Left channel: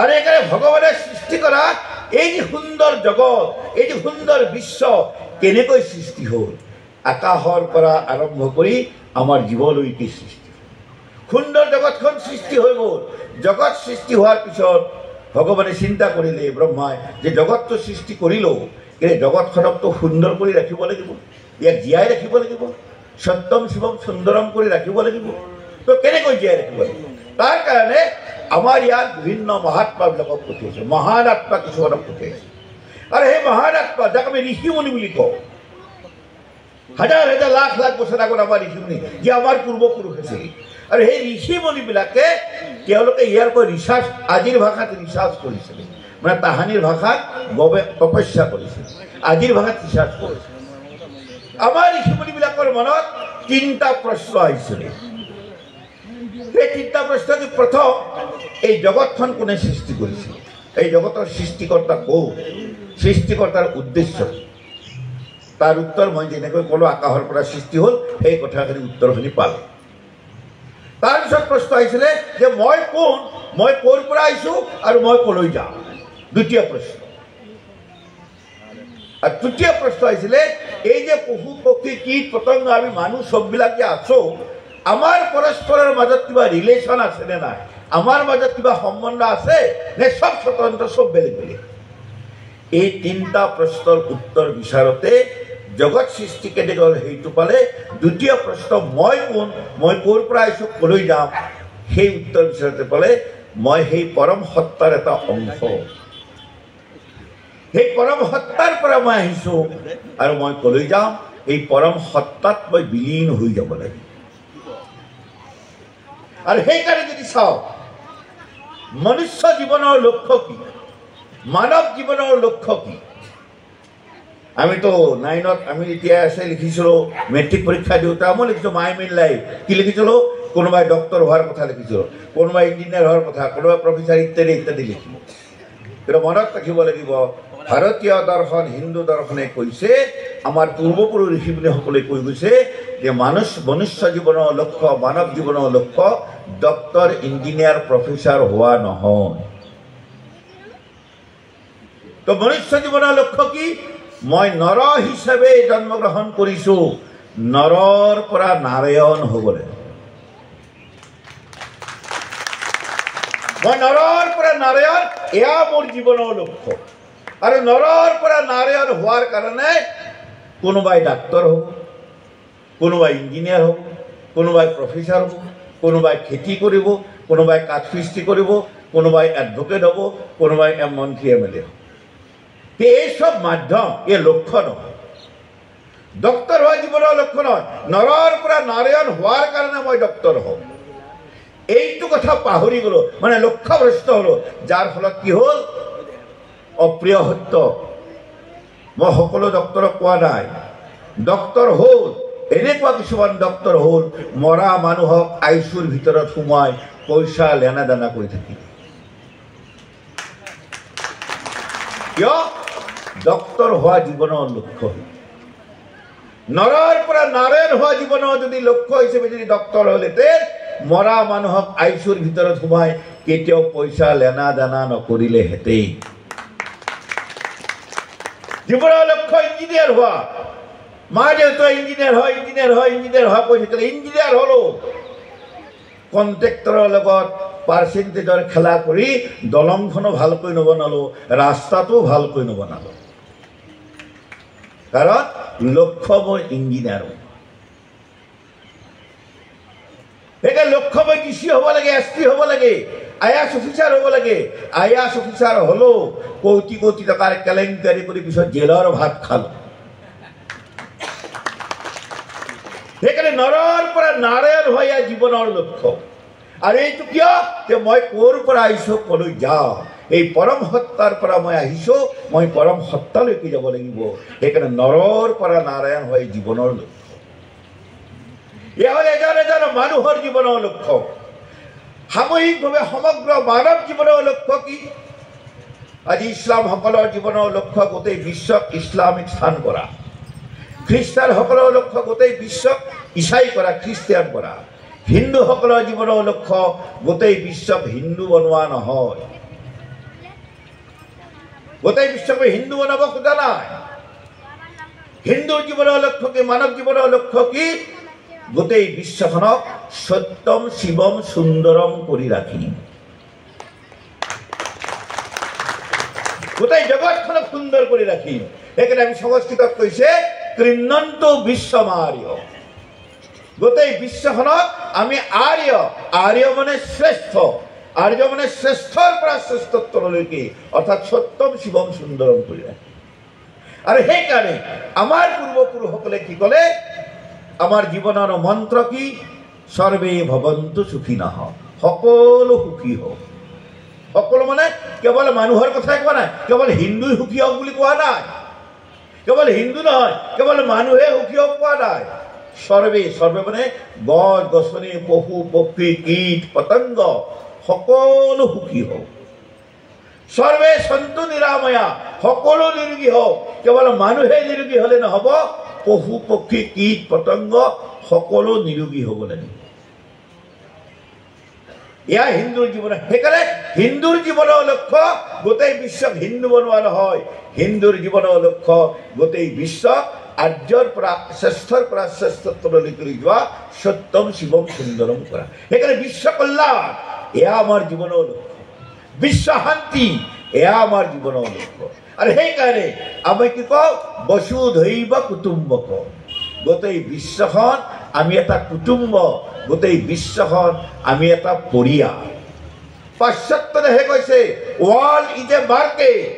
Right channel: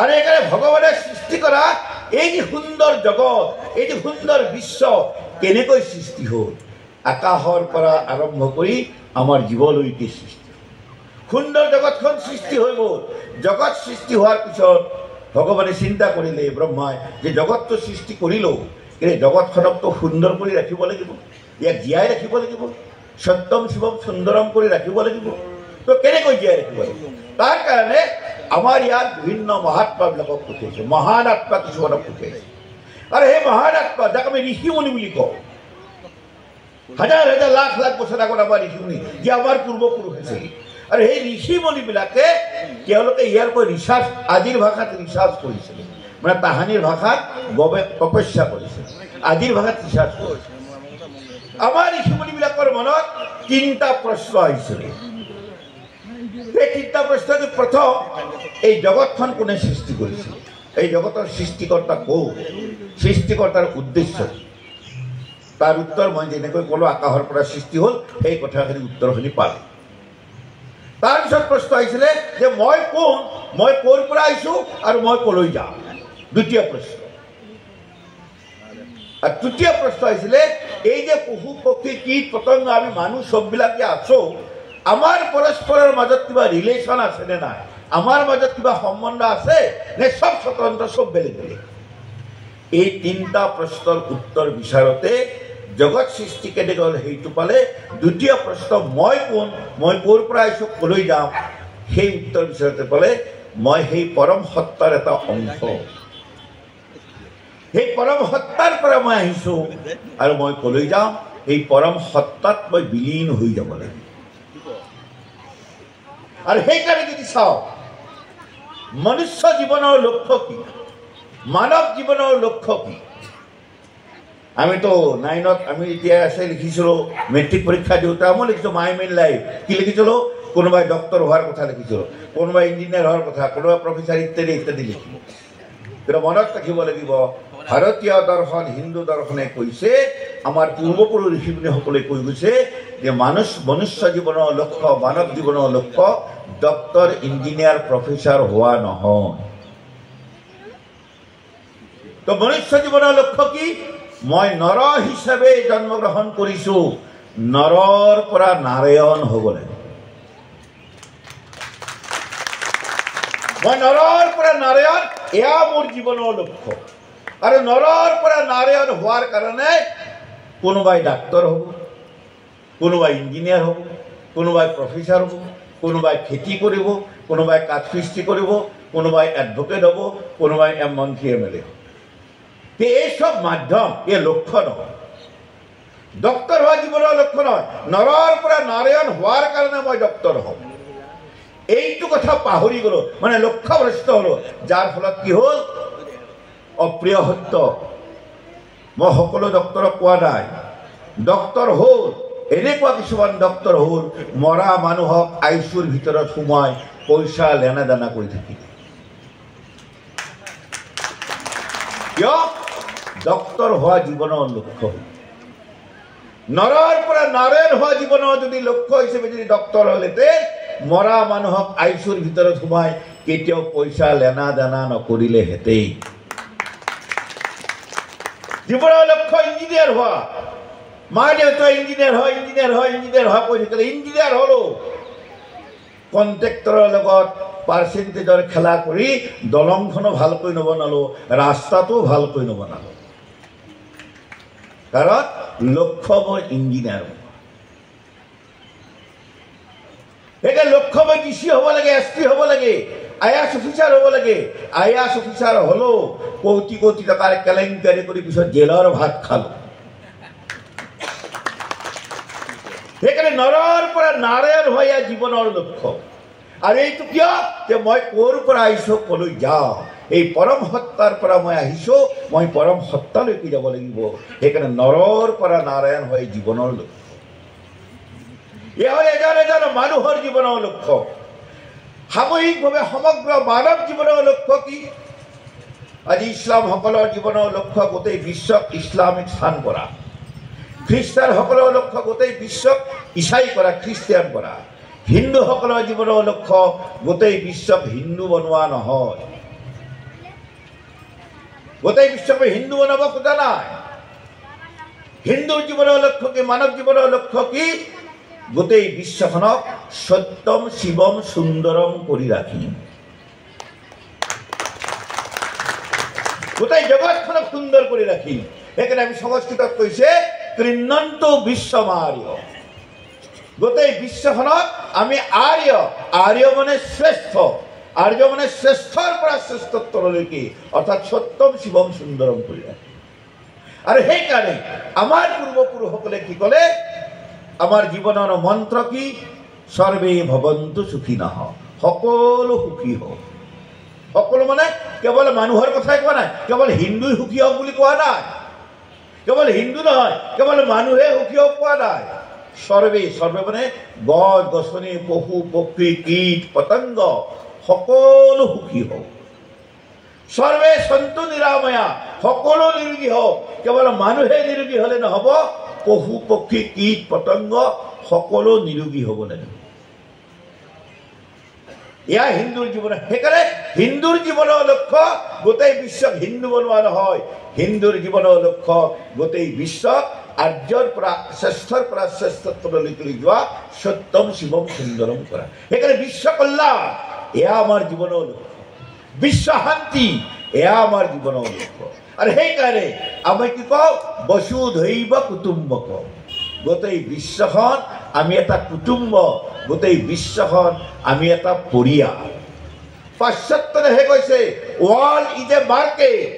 আৰু এইকাৰণে ভগৱানে সৃষ্টি কৰা এই যে সুন্দৰ জগত, এই যে সুন্দৰ বিশ্ব কেনেকৈ সৃষ্টি হ'ল? আকাশৰ পৰা আৰম্ভ কৰি আমাৰ জীৱলৈকে সৃষ্টি। সুন্দৰ জগতখন সৃষ্টি হৈ গ'ল। জগত সৃষ্টি হোৱাৰ পিছত ভগৱানে চিন্তা কৰিলে, ব্ৰহ্মাই, যে জগতটো সৃষ্টি কৰিলোঁ, কিন্তু জগতখনকতো সুন্দৰ কৰি ৰাখিব লাগিব, ইয়াক জীয়াই ৰাখিব লাগিব, সত্যম শিৱম সুন্দৰম কৰি ৰাখিব লাগিব। তো কেনেকৈ জীয়াই ৰাখিব লাগিব? তাৰ কাৰণে আমাৰ ইয়াত বিভিন্ন মহাত্মাবিলাকক পঠিয়াইছে, মহান আত্মা কিছুমানক পঠিয়াইছে। আৰু সেই মহান আত্মা, যাক আমি ঋষিমুনি বুলি কওঁ, হাজাৰ হাজাৰ লাখ লাখ বছৰ আগত আমাৰ ঋষিমুনি, যে আমাৰ পূৰ্বপুৰুষ আছিল। আৰু সেই ঋষিমুনিবিলাকে তেওঁলোকে ইয়াৰ পৰা ৰিচাৰ্চ, আজিৰ ভাষাত ৰিচাৰ্চ কৰিছিলে, মানে তাহানিৰ ভাষাত তপস্যা কৰিছিল, আজিৰ ভাষাত ৰিচাৰ্চ কৰিছিল। আমাৰ ঋষিমুনিবিলাকৰ মনত 3টা প্ৰশ্ন আহিছিলে। সেই 3টা প্ৰশ্ন যে, প্ৰথম, এই জগতখন কোনে সৃষ্টি কৰিছিল? এই জগতৰ সৃষ্টিকৰ্তা কোন? সৃষ্টিকৰ্তাৰ উদ্দেশ্য? তাৰ উত্তৰ মই যেনেকৈ ক'লো, আকাশৰ পৰা সৃষ্টি হ'ল, সেই কথাখিনি উত্তৰখিনি পালোঁ। তাৰপিছত প্ৰশ্ন আহিছিলে যে মই কোন, মই ক'ৰ পৰা আহিছোঁ আৰু মই ক'লৈ যাওঁ? দ্বিতীয় প্ৰশ্ন। আৰু তৃতীয় প্ৰশ্ন আহিছিলে এই যে পশু পক্ষী কীট পতংগ আমি মানুহ চববিলাক যে আছোঁ, আমাৰ পৰস্পৰৰ মাজত কিবা ৰিলেশ্যন আছে নে নাই? আমাৰ মাজত কিবা সম্বন্ধ আছে নে সব স্বতন্ত্ৰ, সব বেলেগ বেলেগ? এই 3টা প্ৰশ্নৰ উত্তৰ বিচাৰতে জগত সৃষ্টি কেনেকৈ হ'ল সেইটো পালে। দ্বিতীয় প্ৰশ্ন, মই কোন, মই ক'ৰ পৰা আহিছোঁ, ক'লৈ যাওঁ, সেই উত্তৰ বিচাৰতে পালে মই সেই পৰম সত্তাৰ এটা অংশ, সেই পৰম সত্তাৰ পৰা মই আহিছোঁ আৰু মই ক'লৈ যাওঁ, এই পৰম সত্তাত মই বিলীন হৈ যাব লাগিব। আৰু সেইকাৰণে যদি চাওঁ, মনুষ্য জীৱনৰ লক্ষ্য কি, মানৱ জীৱনৰ লক্ষ্য কি? আমিতো 9ত আমি এতিয়া আছে লিখিছিলোঁ, মেট্ৰিক পৰীক্ষা দিওঁতে মই লিখিছোঁ মাই মেইন লাইফ। কি লিখিছিলোঁ? কোনোবাই ডক্টৰ হোৱাৰ কথা লিখিছিলোঁ, কোনোবাই ইঞ্জিনিয়াৰ হোৱাৰ কথা, কোনোবাই প্ৰফেচাৰ ইত্যাদি ইত্যাদি লিখিলোঁ। কিন্তু মনত ৰাখিব লাগিব, ভাৰতীয় দৰ্শন, হিন্দু দৰ্শনে কৈছে, আমাৰ পূৰ্বপুৰুষ ঋষিমুনিসকলে কৈ গৈছে যে মনুষ্য জীৱনৰ লক্ষ্য, মানৱ জীৱনৰ লক্ষ্য ডক্টৰ, ইঞ্জিনিয়াৰ, প্ৰফেচাৰ হোৱা নহয়। তো মনুষ্য জীৱনৰ লক্ষ্য কি? মই নৰ হিচাপে জন্মগ্ৰহণ কৰিছোঁ, নৰৰ পৰা নাৰায়ণ হ'ব লাগে। মই নৰৰ পৰা নাৰায়ণ, এয়া মোৰ জীৱনৰ লক্ষ্য। আৰু নৰৰ পৰা নাৰায়ণ হোৱাৰ কাৰণে কোনোবাই ডাক্তৰ হ'ব, কোনোবাই ইঞ্জিনিয়াৰ হ'ব, কোনোবাই প্ৰফেচাৰ হ'ব, কোনোবাই খেতি কৰিব, কোনোবাই কাঠমিস্ত্ৰী কৰিব, কোনোবাই এডভোকেট হ'ব, কোনোবাই মন্ত্ৰী MLA হ'ব। এই সব মাধ্যম, এই লক্ষ্য নহয়। ডক্টৰ হোৱা জীৱনৰ লক্ষ্য নহয়। নৰৰ পৰা নাৰায়ণ হোৱাৰ কাৰণে মই ডক্টৰ হ'ম, এইটো কথা পাহৰি গ'লো, মানে লক্ষ্যভ্ৰষ্ট হ'লো। যাৰ ফলত কি হ'ল? অপ্ৰিয় সত্য। মই সকলো ডক্টৰক কোৱা নাই, ডক্টৰ হ'ল, এনেকুৱা কিছুমান ডক্টৰ হ'ল মৰা মানুহক আইচুৰ ভিতৰত সোমাই পইচা লেনা দেনা কৰি থাকিলে। কিয়? ডক্টৰ হোৱা জীৱনৰ লক্ষ্য। নৰৰ পৰা নাৰায়ণ হোৱা জীৱনৰ যদি লক্ষ্য হিচাপে যদি ডক্টৰ হ'লহেঁতেন, মৰা মানুহক আইচুৰ ভিতৰত সোমাই কেতিয়াও পইচা লেনা দেনা নকৰিলেহেঁতেন। জীৱনৰ লক্ষ্য ইঞ্জিনিয়াৰ হোৱা। মা দেউতা ইঞ্জিনিয়াৰ হয়, ইঞ্জিনিয়াৰ হয়, ইঞ্জিনিয়াৰ হোৱা কৈ থাকিলে, ইঞ্জিনিয়াৰ হ'লো, কণ্ট্ৰেক্টৰৰ লগত পাৰ্চেণ্টেজৰ খেলা কৰি দলংখনো ভালকৈ নবনালো, ৰাস্তাটো ভালকৈ নবনালো। কাৰণ লক্ষ্য মোৰ ইঞ্জিনিয়াৰ। সেইকাৰণে লক্ষ্য মই DC হ'ব লাগে, SP হ'ব লাগে, IAS অফিচাৰ হ'ব লাগে। IAS অফিচাৰ হ'লেও কোটি কোটি টকাৰ কেলেংকাৰী কৰি পিছত জেলৰ ভাত খালো। সেইকাৰণে নৰৰ পৰা নাৰায়ণ হোৱা জীৱনৰ লক্ষ্য। আৰু এইটো কিয়? যে মই ক'ৰ পৰা আহিছোঁ, ক'লৈ যাওঁ। এই পৰম সত্তাৰ পৰা মই আহিছোঁ, মই পৰম সত্তালৈকে যাব লাগিব। সেইকাৰণে নৰৰ পৰা নাৰায়ণ হোৱা জীৱনৰ লক্ষ্য। এয়া হ'ল এজন এজন মানুহৰ জীৱনৰ লক্ষ্য। সামূহিকভাৱে সমগ্ৰ মানৱ জীৱনৰ লক্ষ্য কি? আজি ইছলামসকলৰ জীৱনৰ লক্ষ্য গোটেই বিশ্বক ইছলামিক স্থান কৰা, খ্ৰীষ্টানসকলৰ লক্ষ্য গোটেই বিশ্বক ইছাই কৰা, খ্ৰীষ্টিয়ান কৰা, হিন্দুসকলৰ জীৱনৰ লক্ষ্য গোটেই বিশ্বক হিন্দু বনোৱা নহয়, গোটেই বিশ্বকে হিন্দু বনাব খোজা নাই। হিন্দুৰ জীৱনৰ লক্ষ্য কি, মানৱ জীৱনৰ লক্ষ্য কি? গোটেই বিশ্বখনক সত্যম শিৱম সুন্দৰম কৰি ৰাখিম। গোটেই জগতখনক সুন্দৰ কৰি ৰাখিম। সেইকাৰণে আমি সংস্কৃতত কৈছে কৃণ্ণন্তু বিশ্বমাৰ্য। গোটেই বিশ্বখনক আমি আৰ্য, আৰ্য মানে শ্ৰেষ্ঠ, আৰ্য মানে শ্ৰেষ্ঠৰ পৰা শ্ৰেষ্ঠত্বলৈকে, অৰ্থাৎ সত্যম শিৱম সুন্দৰম কৰি ৰাখিম। আৰু সেইকাৰণে আমাৰ পূৰ্বপুৰুষসকলে কি ক'লে? আমাৰ জীৱনৰ মন্ত্ৰ কি? সৰ্বে ভৱন্তু সুখিনঃ, সকলো সুখী হওক। সকলো মানে কেৱল মানুহৰ কথাই কোৱা নাই, কেৱল হিন্দুই সুখী হওক বুলি কোৱা নাই, কেৱল হিন্দু নহয়, কেৱল মানুহে সুখী হওক কোৱা নাই। সৰ্বে, সৰ্বে মানে গছ গছনি, পশু পক্ষী, কীট পতংগ সকলো সুখী হওক। সৰ্বে সন্তু নিৰাময়া, সকলো নিৰোগী হওক। কেৱল মানুহে নিৰোগী হলে নহব, পশু পক্ষী কীট পতংগ সকলো নিৰোগী হব লাগিব। এয়া হিন্দুৰ জীৱন। সেইকাৰণে হিন্দুৰ জীৱনৰ লক্ষ্য গোটেই বিশ্বক হিন্দু বনোৱা নহয়, হিন্দুৰ জীৱনৰ লক্ষ্য গোটেই বিশ্বক আৰ্যৰ পৰা শ্ৰেষ্ঠৰ পৰা শ্ৰেষ্ঠত্বলৈকে লৈ যোৱা, সত্যম শিৱম সুন্দৰম কৰা। সেইকাৰণে বিশ্ব কল্যাণ এয়া আমাৰ জীৱনৰ লক্ষ্য, বিশ্ব শান্তি এয়া আমাৰ জীৱনৰ লক্ষ্য। আৰু সেইকাৰণে আমি কি কওঁ? বসুধৈৱ কুটুম্বকম। গোটেই বিশ্বখন আমি এটা কুটুম্ব, গোটেই বিশ্বখন আমি এটা পৰিয়াল। পাশ্চাত্য দেশে কৈছে ৱৰ্ল্ড ইজ এ মাৰ্কেট,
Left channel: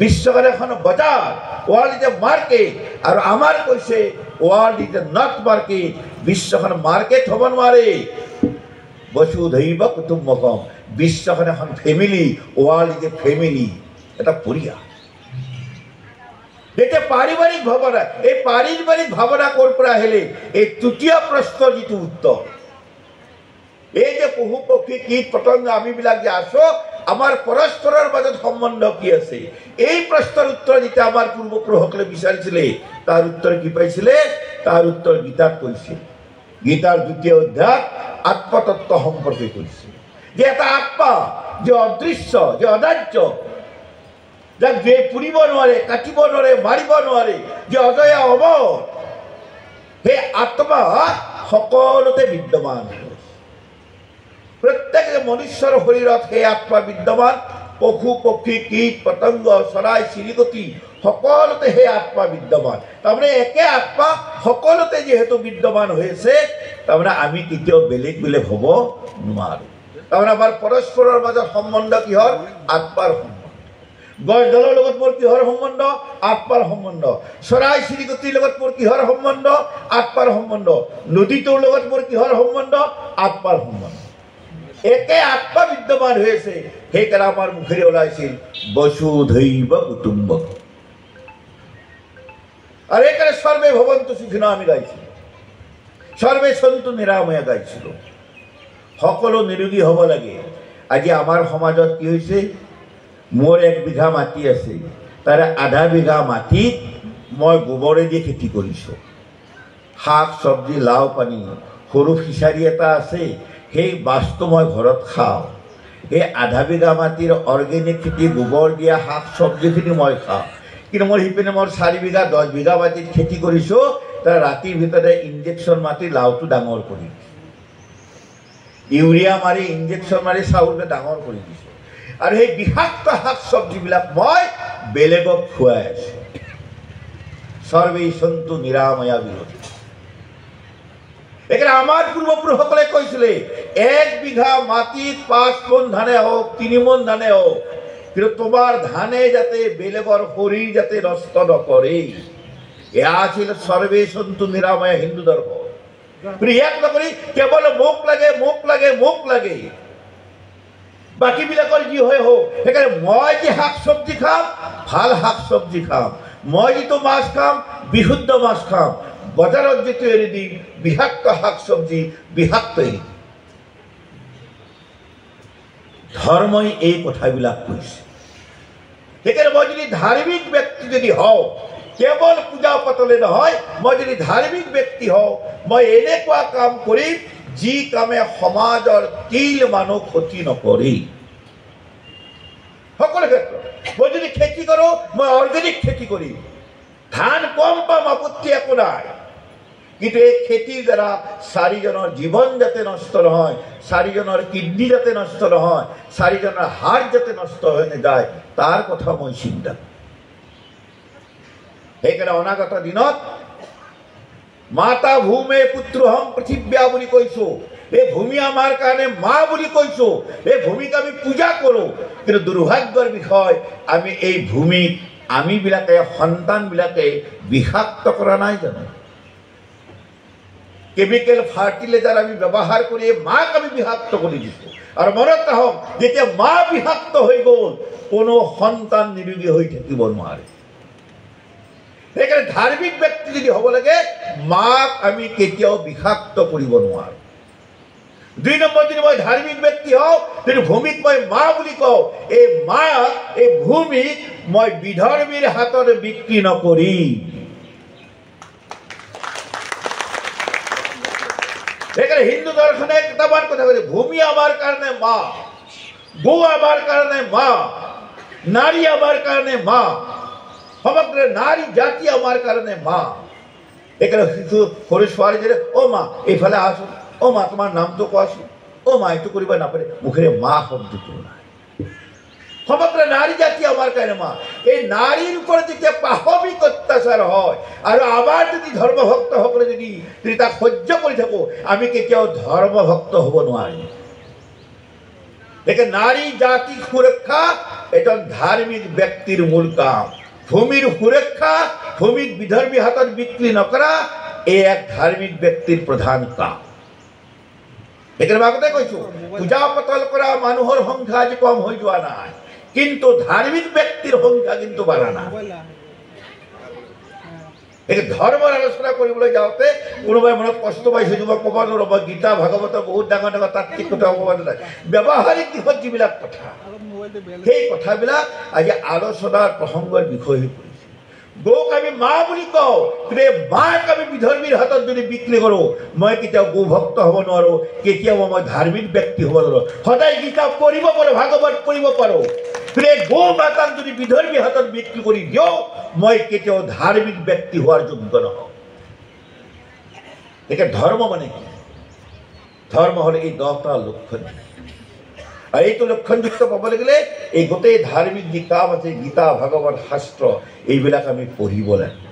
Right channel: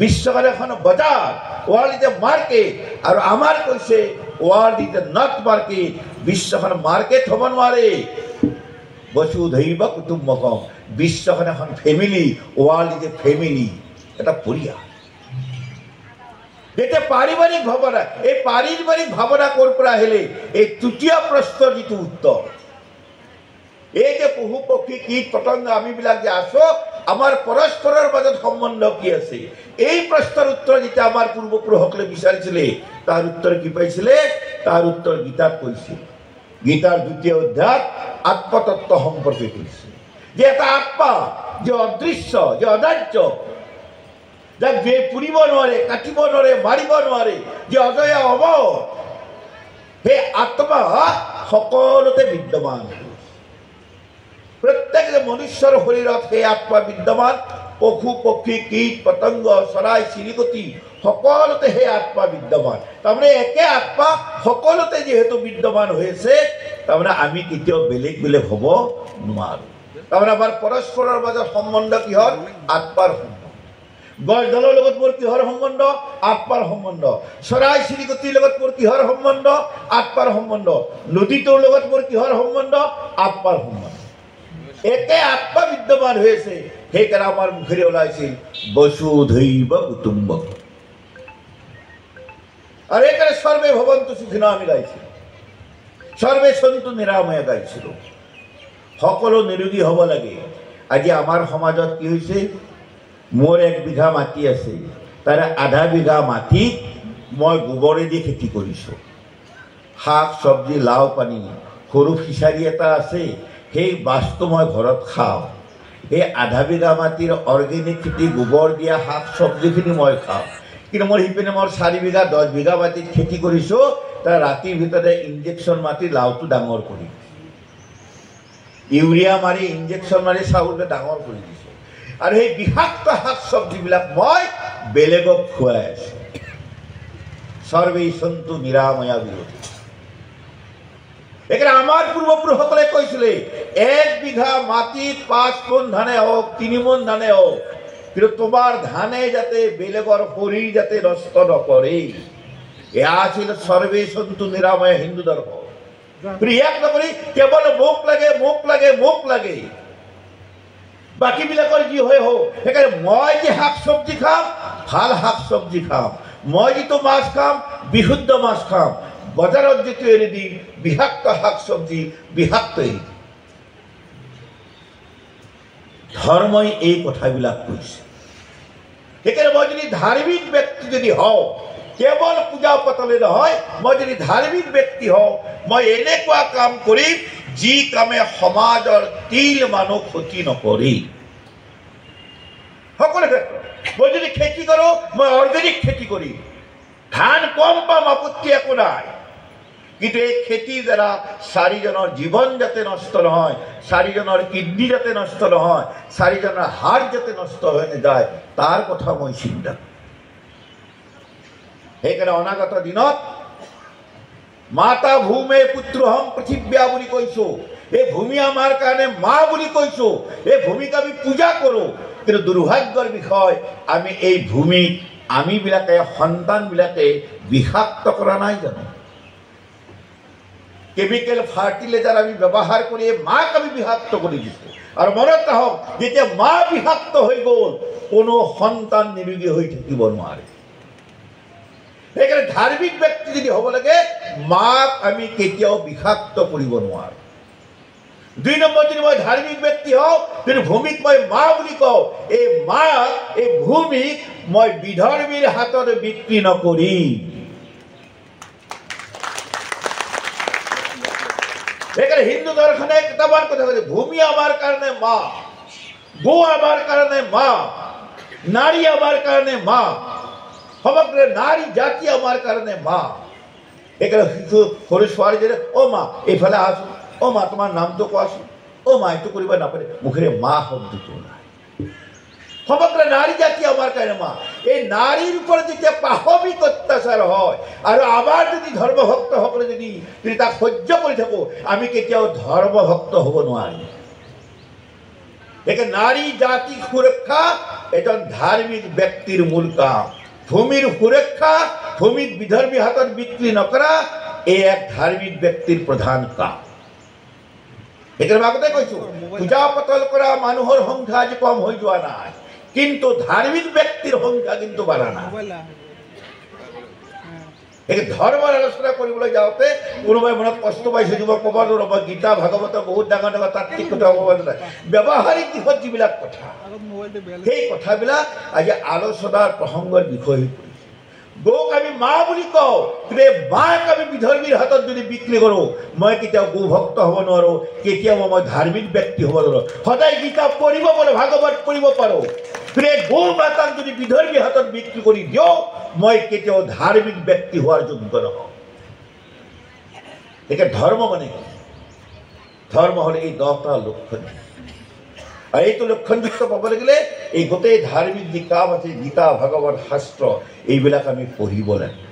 বিশ্বখন এখন বজাৰ, ৱৰ্ল্ড ইজ এ মাৰ্কেট। আৰু আমাৰ কৈছে world is a not market, বিশ্বখন মাৰ্কেট হ'ব নোৱাৰে। বসুধৈৱ কুটুম্বকম, বিশ্বখন এখন family, world is a family, এটা পৰিয়াল। এতিয়া পাৰিবাৰিক ভাৱনা, এই পাৰিবাৰিক ভাৱনা ক'ৰ পৰা আহিলে? এই তৃতীয় প্ৰশ্নৰ যিটো উত্তৰ, এই যে পশু পক্ষী কীট পতংগ আমিবিলাক যে আছো, আমাৰ পৰস্পৰৰ মাজত সম্বন্ধ কি আছে? এই প্ৰশ্নৰ উত্তৰ যেতিয়া আমাৰ পূৰ্বপুৰুষসকলে বিচাৰিছিলে, তাৰ উত্তৰ কি পাইছিলে? তাৰ উত্তৰ গীতাত কৈছিল। গীতাৰ 2য় অধ্যায় আত্মতত্ত্ব সম্পৰ্কে কৈছিল যে এটা আত্মা যে অদৃশ্য, যে অনাৰ্য, যাক যে পুৰিব নোৱাৰে, কাটিব নোৱাৰে, মাৰিব নোৱাৰে, যে অজয় অমৰ, সেই আত্মা সকলোতে বিদ্যমান। প্ৰত্যেক মনুষ্যৰ শৰীৰত সেই আত্মা বিদ্যমান। পশু পক্ষী কীট পতংগ চৰাই চিৰিকটি সকলোতে সেই আত্মা বিদ্যমান। তাৰমানে একে আত্মা সকলোতে যিহেতু বিদ্যমান হৈছে, তাৰমানে আমি কেতিয়াও বেলেগ বেলেগ হ'ব নোৱাৰো। তাৰমানে আমাৰ পৰস্পৰৰ মাজত সম্বন্ধ কিহৰ? আত্মাৰ সম্বন্ধ। গছডালৰ লগত মোৰ কিহৰ সম্বন্ধ? আত্মাৰ সম্বন্ধ। চৰাই চিৰিকটিৰ লগত মোৰ কিহৰ সম্বন্ধ? আত্মাৰ সম্বন্ধ। নদীটোৰ লগত মোৰ কিহৰ সম্বন্ধ? আত্মাৰ সম্বন্ধ। একে আত্মা বিদ্যমান হয়েছে। সেইকাৰণে আমাৰ মুখেৰে ওলাইছিল বসুধৈৱ কুটুম্বকম। আৰ এখানে সৰ্বে ভবন্তু সুখিনঃ আমি গাইছি, সৰ্বে সন্তু নিৰাময়া গাইছিল। সকলো নিৰোগী হ'ব লাগে। আজি আমাৰ সমাজত কি হৈছে? মোৰ 1 বিঘা মাটি আছে, তাৰে আধা বিঘা মাটিত মই গোবৰেদি খেতি কৰিছোঁ। শাক চব্জি, লাও পানী, সৰু ফিচাৰী এটা আছে, সেই মাছটো মই ঘৰত খাওঁ। এই আধা বিঘা মাটিৰ অৰ্গেনিক খেতি, গোবৰ দিয়া শাক চব্জিখিনি মই খাওঁ। কিন্তু মোৰ সিপিনে মোৰ 4 বিঘা 10 বিঘা মাটিত খেতি কৰিছোঁ, তাৰ ৰাতিৰ ভিতৰতে ইনজেকশ্যন মাৰি লাওটো ডাঙৰ কৰি, ইউৰিয়া মাৰি ইনজেকশ্যন মাৰি চাউলটো ডাঙৰ কৰি দিছোঁ। আৰু সেই বিষাক্ত শাক চব্জিবিলাক মই বেলেগক খুৱাই আছোঁ। সৰ্বে সন্তু নিৰাময়া বিৰোধী। এখানে আমার পূর্বপুরুষসকলে কৈছিলে 1 বিঘা মাটিত 5 মোন ধানে হোক, 3 মোন ধানে হোক, কিন্তু তোমার ধানে যাতে বেলেগর শরীর যাতে নষ্ট নকৰে, এয়া আছিল সৰ্বে সন্তু নিৰাময়া হিন্দু ধৰ্ম। ইয়াক নকৰি কেৱল মোক লাগে মোক লাগে মোক লাগে, বাকী বিলাকৰ যি হয় হোক। সেইকাৰণে মই যে শাক চব্জি খাম, ভাল শাক চব্জি খাম, মই যিটো মাছ খাম, বিশুদ্ধ মাছ খাম, বজাৰত যিটো এৰি দিম বিষাক্ত শাক চব্জি, বিষাক্ত এৰি দিম। ধৰ্মই এই কথাবিলাক কৈছে। সেইকাৰণে মই যদি ধাৰ্মিক ব্যক্তি যদি হওঁ, কেৱল পূজা পাতলে নহয়, মই যদি ধাৰ্মিক ব্যক্তি হওঁ, মই এনেকুৱা কাম কৰিম যি কামে সমাজৰ তিল মানুহ ক্ষতি নকৰে। সকলো ক্ষেত্ৰত মই যদি খেতি খেতি কৰোঁ, মই অৰ্গেনিক খেতি কৰিম, ধান কম পাম, আপত্তি একো নাই, কিন্তু এই খেতিৰ দ্বাৰা 4 জনৰ জীৱন যাতে নষ্ট নহয়, 4 জনৰ কিডনী যাতে নষ্ট নহয়, 4 জনৰ হাৰ্ট যাতে নষ্ট হৈ নাযায়, তাৰ কথা মই চিন্তা কৰোঁ। সেইকাৰণে অনাগত দিনত মাতা ভূমে পুত্ৰহম পৃথিৱ্যা বুলি কৈছোঁ। এই ভূমি আমাৰ কাৰণে মা বুলি কৈছোঁ। এই ভূমিক আমি পূজা কৰোঁ, কিন্তু দুৰ্ভাগ্যৰ বিষয় আমি এই ভূমিক আমিবিলাকে সন্তানবিলাকে বিষাক্ত কৰা নাই জানো? কেমিকেল ফাৰ্টিলাইজাৰ আমি ব্যৱহাৰ কৰি মাক আমি বিষাক্ত কৰি দিছোঁ। আৰু মনত ৰাখক, যেতিয়া মা বিষাক্ত হৈ গ'ল, কোনো সন্তান নিৰোগী হৈ থাকিব নোৱাৰে। সেইকাৰণে ধাৰ্মিক ব্যক্তি যদি হ'ব লাগে, মাক আমি কেতিয়াও বিষাক্ত কৰিব নোৱাৰোঁ। 2 নম্বৰ, যদি মই ধাৰ্মিক ব্যক্তি হওঁ, কিন্তু ভূমিক মই মা বুলি কওঁ, এই মা, এই ভূমিক মই বিধৰ্মীৰ হাতত বিক্ৰী নকৰিম। সেইকাৰণে হিন্দু দৰ্শনে কেইটামান কথা কৈছে, ভূমি আমাৰ কাৰণে মা, গো আমাৰ কাৰণে মা, নাৰী আমাৰ কাৰণে মা, সমগ্ৰ নাৰী জাতি আমাৰ কাৰণে মা। সেইকাৰণে শিশু সৰু ছোৱালীজনী, অ' মা এইফালে আহচোন, অ' মা তোমাৰ নামটো কোৱাচোন, অ' মা এইটো কৰিব নাপাৰে, মুখেৰে মা শব্দটো নাই। সমগ্ৰ নাৰী জাতি আমাৰ কাৰণে মা। এই নাৰীৰ ওপৰত যেতিয়া পাশবিক অত্যাচাৰ হয়, আৰু আমাৰ যদি ধৰ্মভক্তসকলে যদি তাক সহ্য কৰি থাকোঁ, আমি কেতিয়াও ধৰ্মভক্ত হ'ব নোৱাৰিম। সেইকাৰণে নাৰী জাতিৰ সুৰক্ষা এজন ধাৰ্মিক ব্যক্তিৰ মূল কাম। ভূমিৰ সুৰক্ষা, ভূমিক বিধৰ্মী হাতত বিক্ৰী নকৰা, এই এক ধাৰ্মিক ব্যক্তিৰ প্ৰধান কাম। সেইকাৰণে আগতে কৈছোঁ, পূজা পাতল কৰা মানুহৰ সংখ্যা আজি কম হৈ যোৱা নাই, কিন্তু ধাৰ্মিক ব্যক্তিৰ সংখ্যা কিন্তু বাঢ়া নাই। ধৰ্মৰ আলোচনা কৰিবলৈ যাওঁতে কোনোবাই মনত কষ্ট পাইছে, মই ক'ব নোৱাৰোঁ, মই গীতা ভাগৱতৰ বহুত ডাঙৰ ডাঙৰ তাত্ত্বিক কথা ক'ব নাই, ব্যৱহাৰিক দিশত যিবিলাক কথা, সেই কথাবিলাক আজি আলোচনাৰ প্ৰসংগৰ বিষয় হৈ পৰিছে। গৌক আমি মা বুলি কওঁ, কিন্তু এই মাক আমি বিধৰ্মীৰ হাতত যদি বিক্ৰী কৰোঁ, মই কেতিয়াও গৌভক্ত হ'ব নোৱাৰোঁ, কেতিয়াও মই ধাৰ্মিক ব্যক্তি হ'ব নোৱাৰোঁ। সদায় গীতা পঢ়িব পাৰোঁ, ভাগৱত পঢ়িব পাৰোঁ, কিন্তু এই গৌ মাতাক যদি বিধৰ্মীৰ হাতত বিক্ৰী কৰি দিওঁ, মই কেতিয়াও ধাৰ্মিক ব্যক্তি হোৱাৰ যোগ্য নহওঁ। একে ধৰ্ম মানে কি? ধৰ্ম হ'লে এই 10টা লক্ষণ, আৰু এইটো লক্ষণযুক্ত পাব লাগিলে এই গোটেই ধাৰ্মিক যি কাম আছে, গীতা ভাগৱত শাস্ত্ৰ, এইবিলাক আমি পঢ়িব লাগে।